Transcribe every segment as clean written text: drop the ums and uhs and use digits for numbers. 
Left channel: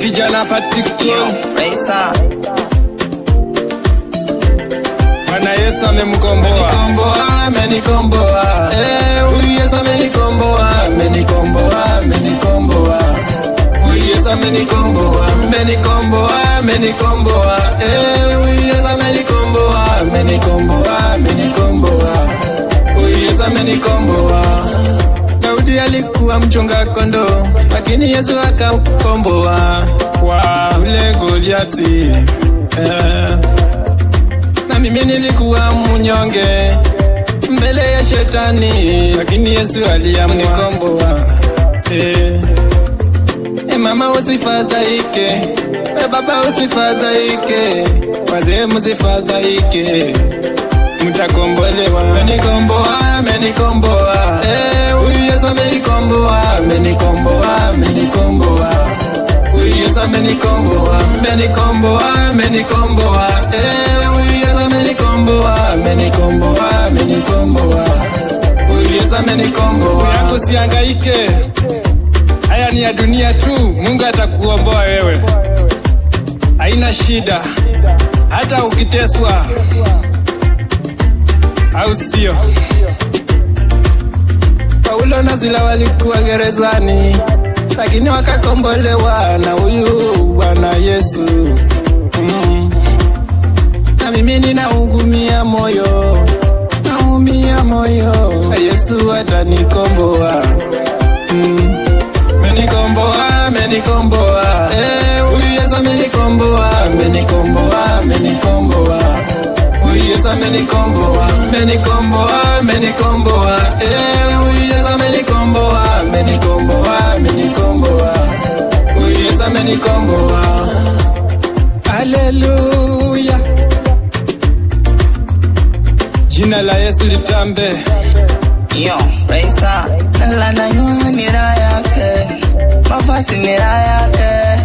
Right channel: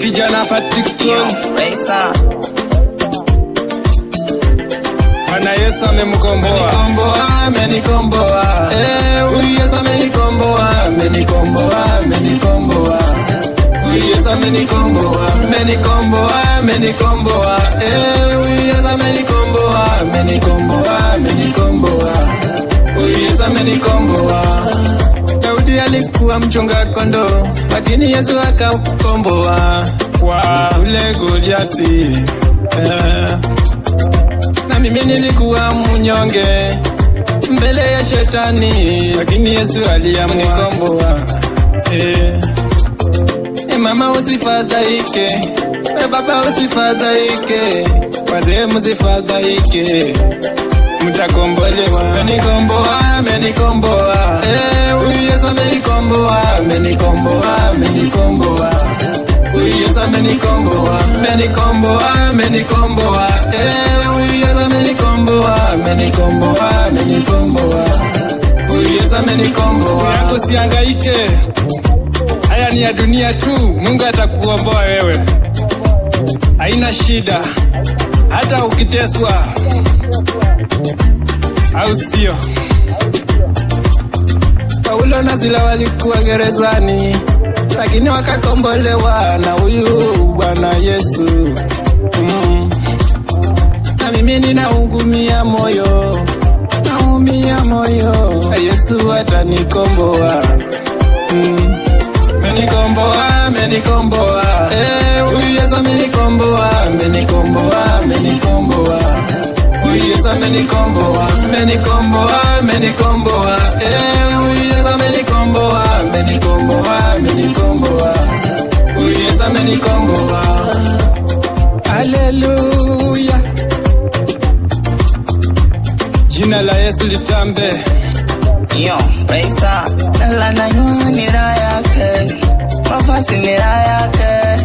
Kijana Patikon Bwana Yesu amemkomboa. Amenikomboa. Huyu Yesu amenikomboa. Amenikomboa. Huyu Yesu amenikomboa. Huyu Yesu amenikomboa. Huyu Yesu amenikomboa. Daudi alikuwa mchunga kondoo, lakini Yesu akamkomboa kwa ule Goliathi. Na mimi nilikuwa mnyonge mbele ya shetani, lakini Yesu aliamua. Mama usifadhaike, baba usifadhaike, wazee msifadhaike, mtakombolewa. Amenikomboa. Huyu Yesu amenikomboa. Huyu Yesu amenikomboa. Huyu Yesu amenikomboa. Huyu Yesu amenikomboa. Yako usihangaike, haya ni ya dunia tu. Mungu atakukomboa wewe, haina shida, hata ukiteswa, au sio? Paulo na Sila walikuwa gerezani, lakini wakakombolewa na huyu Bwana Yesu. Na mimi ninaumia moyo, Yesu atanikomboa. Amenikomboa. Huyu Yesu amenikomboa. Huyu Yesu amenikomboa. Huyu Yesu Huyu Yesu amenikomboa. Haleluya, jina la Yesu litambe. Raisa nalana nyua nira yake, mafasi nira yake,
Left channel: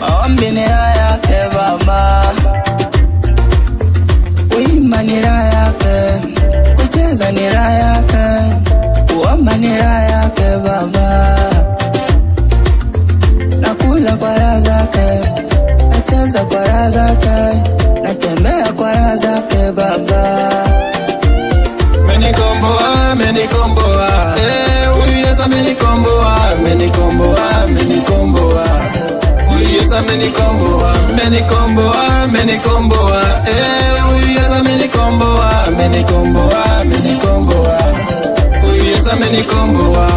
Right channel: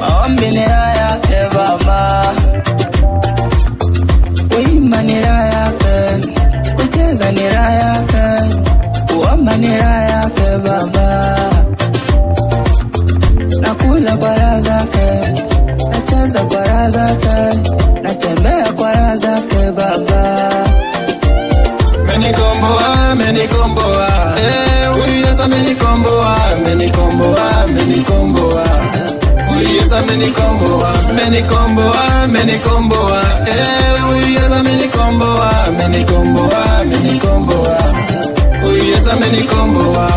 maombi nira yake Baba, kuimba nira yake, kucheza nira yake, kuomba nira yake Baba, nakula kwa raha zake, nacheza kwa raha zake, natembea kwa raha zake Baba. Amenikomboa. Huyu Yesu amenikomboa. Huyu Yesu amenikomboa. Huyu Yesu amenikomboa. Huyu Yesu amenikomboa.